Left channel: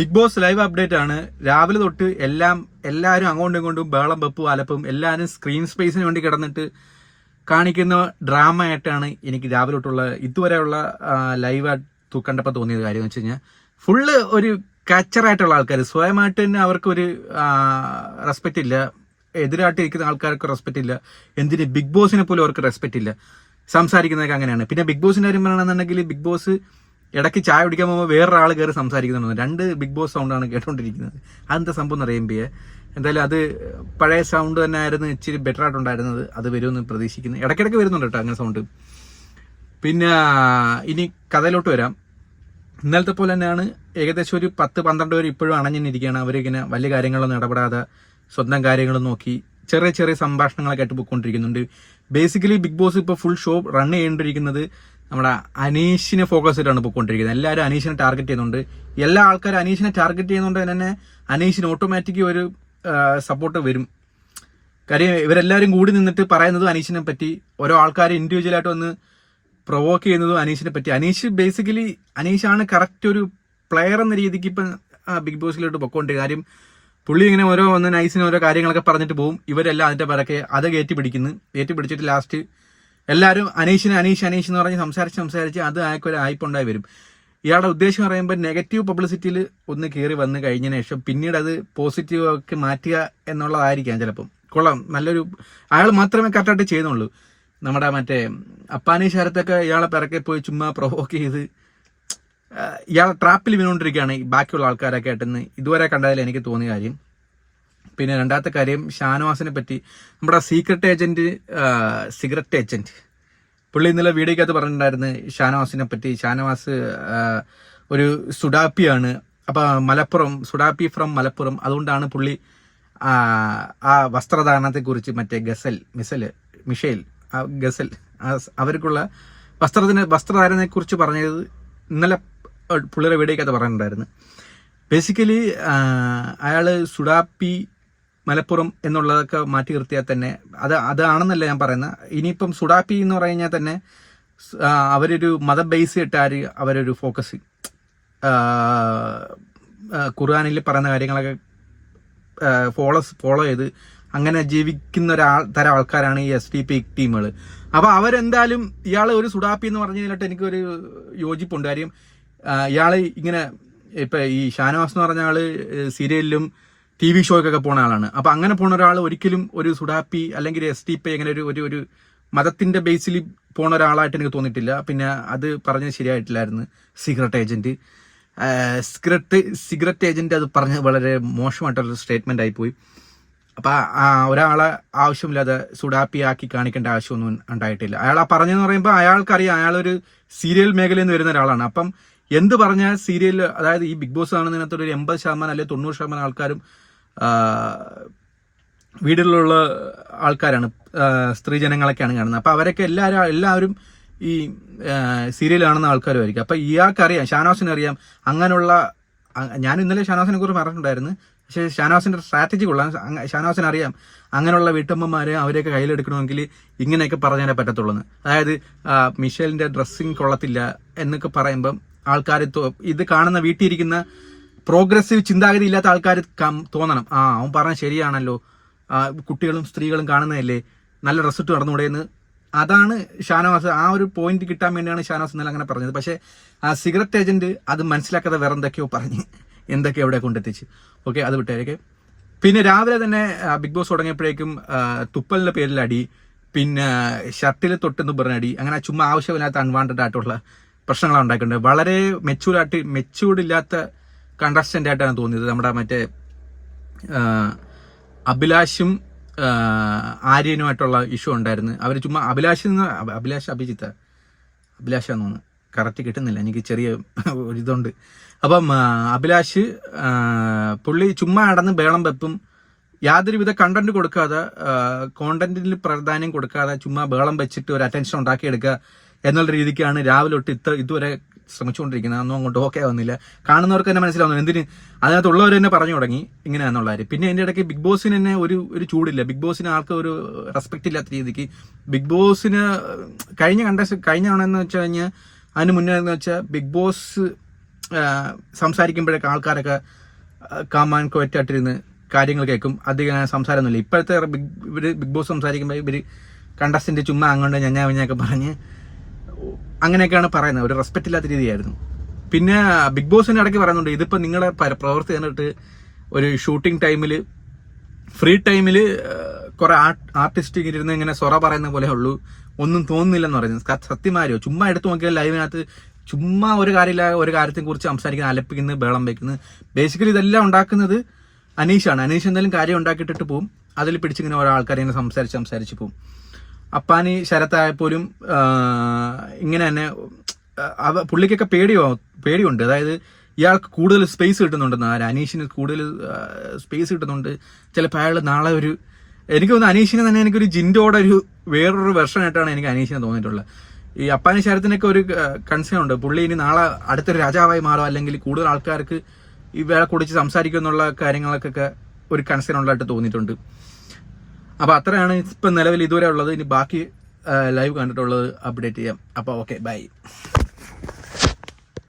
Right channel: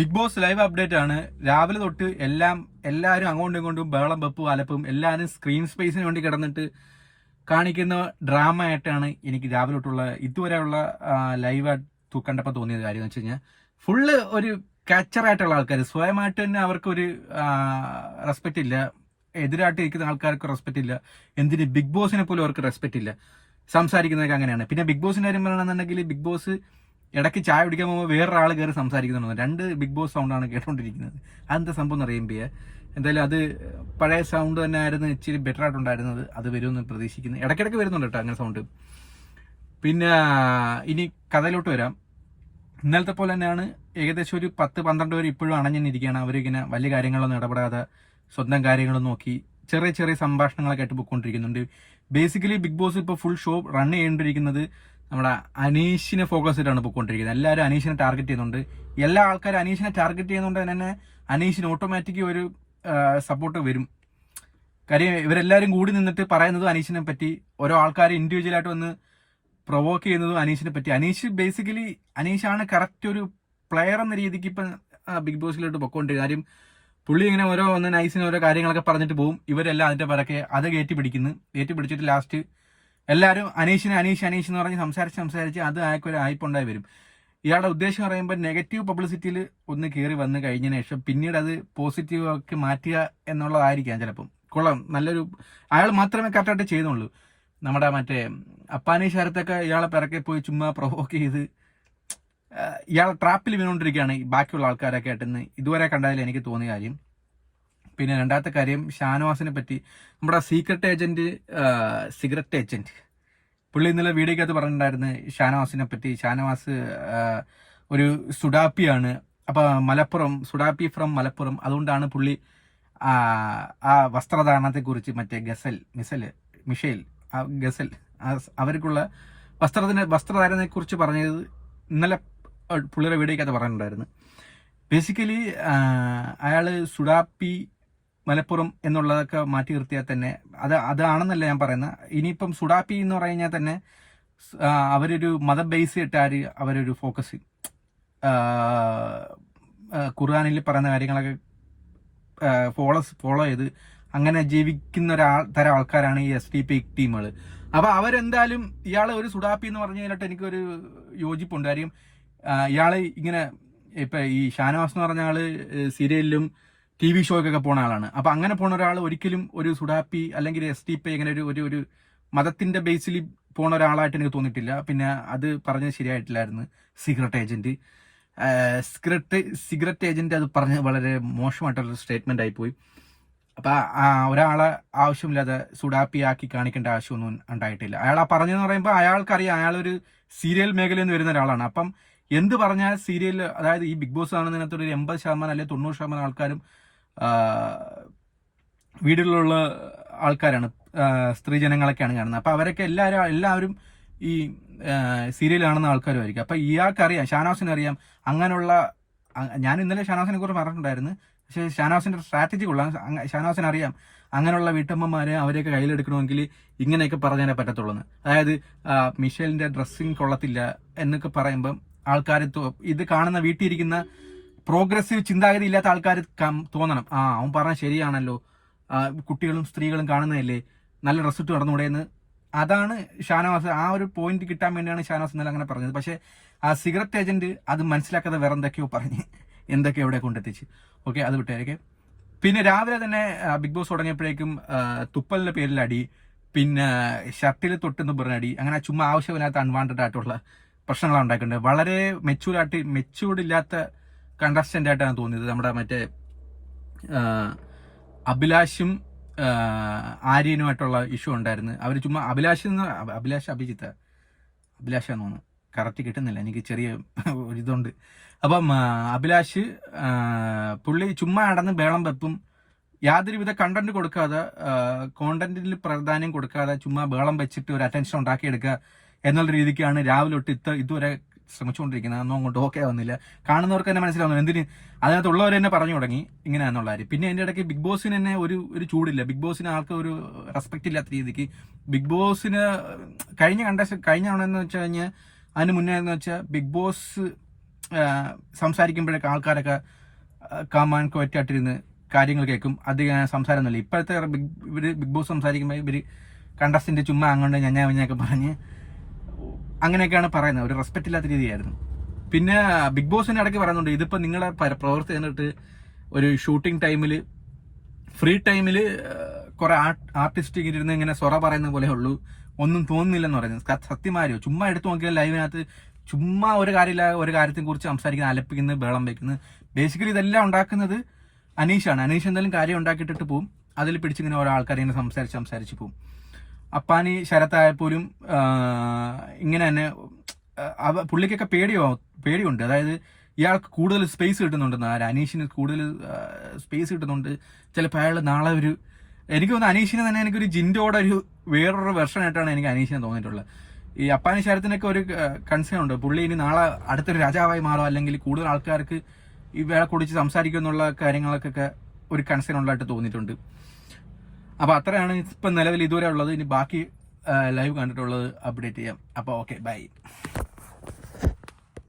Big boss live update ആണ്. രാവിലെ തൊട്ട് എല്ലാം എല്ലാവരും അങ്ങോട്ടും ഇങ്ങോട്ടും ബേളം വെപ്പും അലപ്പും എല്ലാവരും സ്ക്രീൻ സ്പേസിന് വേണ്ടി കിടന്നിട്ട് കാണിക്കുന്ന ഡ്രാമ ആയിട്ടാണ് എനിക്ക് രാവിലെ തൊട്ടുള്ള ഇതുവരെയുള്ള ലൈവ് കണ്ടപ്പോൾ തോന്നിയത് കാര്യം എന്ന് വെച്ച് കഴിഞ്ഞാൽ ഫുള്ള് ഒരു കച്ചറായിട്ടുള്ള ആൾക്കാർ സ്വയമായിട്ട് തന്നെ അവർക്കൊരു റെസ്പെക്റ്റ് ഇല്ല. എതിരായിട്ട് ഇരിക്കുന്ന ആൾക്കാർക്ക് റെസ്പെക്റ്റ് ഇല്ല. എന്തിന് ബിഗ് ബോസിനെ പോലും അവർക്ക് റെസ്പെക്റ്റ് ഇല്ല. സംസാരിക്കുന്നതൊക്കെ അങ്ങനെയാണ്. പിന്നെ ബിഗ് ബോസിന്റെ കാര്യം പറയണമെന്നുണ്ടെങ്കിൽ ബിഗ് ബോസ് ഇടയ്ക്ക് ചായ കുടിക്കാൻ പോകുമ്പോൾ വേറൊരാൾ കയറി സംസാരിക്കുന്നുണ്ട്. രണ്ട് ബിഗ് ബോസ് സൗണ്ടാണ് കേട്ടോണ്ടിരിക്കുന്നത്. അതെന്താ സംഭവം എന്ന് അറിയുമ്പോൾ എന്തായാലും അത് പഴയ സൗണ്ട് തന്നെ ആയിരുന്നു ഇച്ചിരി ബെറ്റർ ആയിട്ടുണ്ടായിരുന്നത്. അത് വരുമെന്ന് പ്രതീക്ഷിക്കുന്നു. ഇടയ്ക്കിടയ്ക്ക് വരുന്നുണ്ട് കേട്ടോ അങ്ങനെ സൗണ്ട് പിന്നെ ഇനി കഥയിലോട്ട് വരാം. ഇന്നലത്തെ പോലെ തന്നെയാണ് ഏകദേശം ഒരു പത്ത് പന്ത്രണ്ട് പേര് ഇപ്പോഴും അണഞ്ഞിരിക്കുകയാണ്. അവരിങ്ങനെ വലിയ കാര്യങ്ങളൊന്നും ഇടപെടാതെ സ്വന്തം കാര്യങ്ങൾ നോക്കി ചെറിയ ചെറിയ സംഭാഷണങ്ങളൊക്കെ ആയിട്ട് പോയിക്കൊണ്ടിരിക്കുന്നുണ്ട്. ബേസിക്കലി ബിഗ് ബോസ് ഇപ്പോൾ ഫുൾ ഷോ റൺ ചെയ്യേണ്ടിയിരിക്കുന്നത് നമ്മുടെ അനീഷിനെ ഫോക്കസ് ചെയ്തിട്ടാണ് പോയിക്കൊണ്ടിരിക്കുന്നത് എല്ലാവരും അനീഷിനെ ടാർഗറ്റ് ചെയ്യുന്നുണ്ട്. എല്ലാ ആൾക്കാരും അനീഷിനെ ടാർഗറ്റ് ചെയ്യുന്നതുകൊണ്ട് തന്നെ അനീഷിന് ഓട്ടോമാറ്റിക് ഒരു സപ്പോർട്ട് വരും. കാര്യം ഇവരെല്ലാവരും കൂടി നിന്നിട്ട് പറയുന്നത് അനീഷിനെ പറ്റി ഓരോ ആൾക്കാർ ഇൻഡിവിജ്വലായിട്ട് വന്ന് പ്രൊവോക്ക് ചെയ്യുന്നതും അനീഷിനെ പറ്റി. അനീഷ് ബേസിക്കലി അനീഷാണ് കറക്റ്റ് ഒരു പ്ലെയർ എന്ന രീതിക്ക് ഇപ്പം ബിഗ് ബോസിലോട്ട് പൊക്കോണ്ട് കാര്യം പുള്ളി ഇങ്ങനെ ഓരോ വന്ന് നൈസിന് ഓരോ കാര്യങ്ങളൊക്കെ പറഞ്ഞിട്ട് പോകും ഇവരെല്ലാം അതിന്റെ പിറക്കെ അത് കയറ്റി പിടിക്കുന്നു. കയറ്റി പിടിച്ചിട്ട് ലാസ്റ്റ് എല്ലാവരും അനീഷിന് അനീഷ് അനീഷ് എന്ന് പറഞ്ഞ് സംസാരിച്ച് സംസാരിച്ച് അത് അയാൾക്കൊരു ആയിപ്പുണ്ടായി വരും. ഇയാളുടെ ഉദ്ദേശം പറയുമ്പോൾ നെഗറ്റീവ് പബ്ലിസിറ്റിയിൽ ഒന്ന് കയറി വന്ന് കഴിഞ്ഞതിന് ശേഷം പിന്നീട് അത് പോസിറ്റീവ് ഒക്കെ മാറ്റുക എന്നുള്ളതായിരിക്കാം ചിലപ്പം. കൊള്ളാം. നല്ലൊരു അയാൾ മാത്രമേ കറക്റ്റായിട്ട് ചെയ്യുന്നുള്ളൂ. നമ്മുടെ മറ്റേ അപ്പാനി ശരത്തൊക്കെ ഇയാളെ പിറക്കെ പോയി ചുമ്മാ പ്രൊവോക്ക് ചെയ്ത് ഇയാൾ ട്രാപ്പിൽ വീണുകൊണ്ടിരിക്കുകയാണ് ബാക്കിയുള്ള ആൾക്കാരൊക്കെ ആയിട്ടെന്ന്. ഇതുവരെ കണ്ടതിൽ എനിക്ക് തോന്നിയ കാര്യം. പിന്നെ രണ്ടാമത്തെ കാര്യം ഷാനവാസിനെ പറ്റി. നമ്മുടെ സീക്രട്ട് ഏജന്റ് സിഗരറ്റ് ഏജന്റ് പുള്ളി ഇന്നലെ വീഡിയോക്കകത്ത് പറഞ്ഞിട്ടുണ്ടായിരുന്നു ഷാനവാസിനെ പറ്റി. ഷാനവാസ് ഒരു സുഡാപ്പിയാണ്. അപ്പൊ മലപ്പുറം സുഡാപ്പി ഫ്രം മലപ്പുറം. അതുകൊണ്ടാണ് പുള്ളി ആ, വസ്ത്രധാരണത്തെക്കുറിച്ച് വസ്ത്രധാരണത്തെ കുറിച്ച് മറ്റേ ഗസൽ മിസൽ മിഷേൽ ഗസൽ അവർക്കുള്ള വസ്ത്രത്തിന് വസ്ത്രധാരണത്തെ കുറിച്ച് പറഞ്ഞത് ഇന്നലെ പുള്ളിയുടെ വീഡിയോക്കകത്ത് പറഞ്ഞിട്ടുണ്ടായിരുന്നു. ബേസിക്കലി അയാൾ സുഡാപ്പി മലപ്പുറം എന്നുള്ളതൊക്കെ മാറ്റി നിർത്തിയാൽ തന്നെ അത് അതാണെന്നല്ല ഞാൻ പറയുന്നത്. ഇനിയിപ്പം സുഡാപ്പി എന്ന് പറഞ്ഞാൽ തന്നെ സ്- ആ, അവരൊരു മത ബേസ് ഇട്ടാർ അവരൊരു ഫോക്കസ് ഖുർആാനിൽ പറയുന്ന കാര്യങ്ങളൊക്കെ ഫോളോ ഫോളോ ചെയ്ത് അങ്ങനെ ജീവിക്കുന്ന ഒരാൾ തരം ആൾക്കാരാണ് ഈ എസ് ഡി പി ടീമുകൾ അപ്പൊ അവരെന്തായാലും ഇയാൾ ഒരു സുഡാപ്പി എന്ന് പറഞ്ഞു കഴിഞ്ഞിട്ട് എനിക്കൊരു യോജിപ്പുണ്ട്. കാര്യം ഇയാൾ ഇങ്ങനെ ഇപ്പൊ ഈ ഷാനവാസ് എന്ന് പറഞ്ഞ ആൾ സീരിയലിലും ടി വി ഷോയ്ക്കൊക്കെ പോണ ആളാണ്. അപ്പൊ അങ്ങനെ പോണ ഒരാൾ ഒരിക്കലും ഒരു സുഡാപ്പി അല്ലെങ്കിൽ എസ് ടി പി അങ്ങനെ ഒരു ഒരു ഒരു മതത്തിന്റെ ബേസിൽ പോണ ഒരാളായിട്ട് എനിക്ക് തോന്നിയിട്ടില്ല. പിന്നെ അത് പറഞ്ഞത് ശരിയായിട്ടില്ലായിരുന്നു. Cigarette agent cigarette cigarette agent അത് പറഞ്ഞ വളരെ മോശമായിട്ടുള്ള സ്റ്റേറ്റ്മെന്റ് ആയി പോയി. അപ്പൊ ആ ഒരാളെ ആവശ്യമില്ലാതെ സുഡാപ്പി ആക്കി കാണിക്കേണ്ട ആവശ്യമൊന്നും ഉണ്ടായിട്ടില്ല. അയാൾ ആ പറഞ്ഞെന്ന് പറയുമ്പോൾ അയാൾക്കറിയാം. അയാളൊരു സീരിയൽ മേഖലയിൽ നിന്ന് വരുന്ന ഒരാളാണ്. അപ്പം എന്ത് പറഞ്ഞാൽ സീരിയൽ അതായത് ഈ ബിഗ് ബോസ് ആണെന്നതിനകത്തൊരു എൺപത് ശതമാനം അല്ലെങ്കിൽ തൊണ്ണൂറ് ശതമാനം ആൾക്കാരും വീടുകളിലുള്ള ആൾക്കാരാണ് സ്ത്രീ സ്ത്രീജനങ്ങളൊക്കെയാണ് കാണുന്നത്. അപ്പോൾ അവരൊക്കെ എല്ലാവരും എല്ലാവരും ഈ സീരിയൽ കാണുന്ന ആൾക്കാരുമായിരിക്കും. അപ്പോൾ ഇയാൾക്കറിയാം ഷാനവാസിന് അറിയാം അങ്ങനെയുള്ള ഞാൻ ഇന്നലെ ഷാനവാസിനെ കുറിച്ച് പറഞ്ഞിട്ടുണ്ടായിരുന്നു. പക്ഷേ ഷാനവാസിന്റെ സ്ട്രാറ്റജി കൊള്ളാം. അങ്ങ- അറിയാം അങ്ങനെയുള്ള വീട്ടമ്മമാരെ അവരെയൊക്കെ കയ്യിലെടുക്കണമെങ്കിൽ ഇങ്ങനെയൊക്കെ പറഞ്ഞതിനെ പറ്റത്തുള്ളൂ. അതായത് മിഷേലിന്റെ ഡ്രസ്സിങ് കൊള്ളത്തില്ല എന്നൊക്കെ പറയുമ്പം ആൾക്കാർ ഇത് കാണുന്ന വീട്ടിൽ ഇരിക്കുന്ന പ്രോഗ്രസീവ് ചിന്താഗതി ഇല്ലാത്ത ആൾക്കാർ തോന്നണം. ആ അവൻ പറഞ്ഞ ശരിയാണല്ലോ. കുട്ടികളും സ്ത്രീകളും കാണുന്നതല്ലേ. നല്ല റിസൾട്ട് നടന്നുകൂടെ എന്ന്. അതാണ് ഷാനവാസ്. ആ ഒരു പോയിന്റ് കിട്ടാൻ വേണ്ടിയാണ് ഷാനവാസ് ഇന്നലെ അങ്ങനെ പറഞ്ഞത്. പക്ഷേ ആ സിഗരറ്റ് ഏജന്റ് അത് മനസ്സിലാക്കാതെ വേറെ എന്തൊക്കെയോ പറഞ്ഞ്. എന്തൊക്കെ എവിടെ കൊണ്ടെത്തിച്ച്. ഓക്കെ അത് വിട്ടേക്കെ പിന്നെ രാവിലെ തന്നെ ബിഗ് ബോസ് തുടങ്ങിയപ്പോഴേക്കും തുപ്പലിന്റെ പേരിൽ അടി പിന്നെ ഷർട്ടിൽ തൊട്ടെന്ന് പറഞ്ഞ അടി അങ്ങനെ ചുമ്മാ ആവശ്യമില്ലാത്ത അൺവാണ്ടഡ് ആയിട്ടുള്ള പ്രശ്നങ്ങളാണ് ഉണ്ടാക്കുന്നുണ്ട് വളരെ മെച്ചൂർഡായിട്ട് മെച്ചൂർഡ് ഇല്ലാത്ത കണ്ടസ്റ്റന്റ് ആയിട്ടാണ് തോന്നിയത്. നമ്മുടെ മറ്റേ അഭിലാഷും ആര്യനുമായിട്ടുള്ള ഇഷ്യൂ ഉണ്ടായിരുന്നു. അവർ ചുമ്മാ അഭിലാഷ് അഭിലാഷ് അഭിജിത്ത. അഭിലാഷാന്ന് തോന്നുന്നു. കറക്റ്റ് കിട്ടുന്നില്ല. എനിക്ക് ചെറിയ ഒരിതുണ്ട് അപ്പം അഭിലാഷ് പുള്ളി ചുമ്മാ അടന്ന് ബേളം വെപ്പും യാതൊരുവിധ കണ്ടന്റ് കൊടുക്കാതെ കോണ്ടന്റിൽ പ്രാധാന്യം കൊടുക്കാതെ ചുമ്മാ ബേളം വെച്ചിട്ട് ഒരു അറ്റൻഷൻ ഉണ്ടാക്കിയെടുക്കുക എന്നുള്ള രീതിക്കാണ് രാവിലെ തൊട്ട് ഇത്ത ഇതുവരെ ശ്രമിച്ചുകൊണ്ടിരിക്കുന്നത്. അന്നും അങ്ങോട്ട് ഓക്കെ ആവുന്നില്ല. കാണുന്നവർക്ക് തന്നെ മനസ്സിലാവുന്നു. എന്തിന്? അതിനകത്തുള്ളവർ തന്നെ പറഞ്ഞു തുടങ്ങി. ഇങ്ങനെയാണെന്നുള്ള കാര്യം. പിന്നെ എന്റെ ഇടയ്ക്ക് ബിഗ് ബോസിന് തന്നെ ഒരു ഒരു ചൂടില്ല. ബിഗ് ബോസിന് ആൾക്ക് ഒരു റെസ്പെക്ട് ഇല്ലാത്ത രീതിക്ക് ബിഗ് ബോസിന് കഴിഞ്ഞ കണ്ട കഴിഞ്ഞ ആണെന്ന് വെച്ച് കഴിഞ്ഞാൽ അതിന് മുന്നേ എന്ന് വെച്ചാൽ ബിഗ് ബോസ് സംസാരിക്കുമ്പോഴൊക്കെ ആൾക്കാരൊക്കെ കാമാൻ കൊറ്റായിട്ടിരുന്ന് കാര്യങ്ങൾ കേൾക്കും. അധികം സംസാരമൊന്നുമില്ല. ഇപ്പോഴത്തെ ബിഗ് ഇവർ ബിഗ് ബോസ് സംസാരിക്കുമ്പോൾ ഇവർ കണ്ടസ്റ്റന്റ് ചുമ്മാ അങ്ങോട്ട് ഞഞ്ഞാ വിഞ്ഞൊക്കെ പറഞ്ഞ് അങ്ങനെയൊക്കെയാണ് പറയുന്നത്. ഒരു റെസ്പെക്റ്റ് ഇല്ലാത്ത രീതിയായിരുന്നു. പിന്നെ ബിഗ് ബോസിന് ഇടയ്ക്ക് പറയുന്നുണ്ട് ഇതിപ്പോൾ പ്രവർത്തി പ്രവൃത്തി കണ്ടിട്ട് ഒരു ഷൂട്ടിംഗ് ടൈമിൽ ഫ്രീ ടൈമിൽ കുറെ ആർട്ടിസ്റ്റ് ഇരുന്ന് ഇങ്ങനെ സൊറ പറയുന്ന പോലെ ഉള്ളൂ. ഒന്നും തോന്നുന്നില്ലെന്ന് പറയുന്നത് സത്യമാരോ ചുമ്മാ എടുത്തു നോക്കിയാൽ ലൈവിനകത്ത് ചുമ്മാ ഒരു കാര്യമില്ല ഒരു കാര്യത്തെ കുറിച്ച് സംസാരിക്കുന്നത് അലപ്പിക്കുന്നത് ബേളം വയ്ക്കുന്നത് ബേസിക്കലി ഇതെല്ലാം ഉണ്ടാക്കുന്നത് അനീഷാണ്. അനീഷ് എന്തായാലും കാര്യം ഉണ്ടാക്കിയിട്ടിട്ട് പോവും. അതിൽ പിടിച്ചിങ്ങനെ ഓരോ ആൾക്കാരെ ഇങ്ങനെ സംസാരിച്ച് സംസാരിച്ച് പോവും. അപ്പാനി ശരത്തായപ്പോലും ഇങ്ങനെ തന്നെ അവ പുള്ളിക്കൊക്കെ പേടിയോ പേടിയുണ്ട്. അതായത് ഇയാൾക്ക് കൂടുതൽ സ്പേസ് കിട്ടുന്നുണ്ടെന്ന്. ആര് അനീഷിന് കൂടുതൽ സ്പേസ് കിട്ടുന്നുണ്ട്. ചിലപ്പോൾ അയാൾ നാളെ ഒരു എനിക്ക് തോന്നുന്നു അനീഷിനെ തന്നെ എനിക്കൊരു ജിൻഡോടെ ഒരു വേറൊരു വെർഷൻ ആയിട്ടാണ് എനിക്ക് അനീഷിനെ തോന്നിയിട്ടുള്ളത്. ഈ അപ്പാനി ശരത്തിനൊക്കെ ഒരു കൺസേൺ ഉണ്ട്. പുള്ളി ഇനി നാളെ അടുത്തൊരു രാജാവായി മാറും. അല്ലെങ്കിൽ കൂടുതൽ ആൾക്കാർക്ക് ഇവരെ കുറിച്ച് കുടിച്ച് എന്നുള്ള കാര്യങ്ങൾക്കൊക്കെ ഒരു കൺസേൺ ഉള്ളതായിട്ട് തോന്നിയിട്ടുണ്ട്. അപ്പൊ അത്രയാണ് ഇപ്പൊ നിലവിൽ ഇതുവരെ ഉള്ളത്. ഇനി ബാക്കി ലൈവ് കണ്ടിട്ടുള്ളത് അപ്ഡേറ്റ് ചെയ്യാം. അപ്പൊ ഓക്കെ ബൈ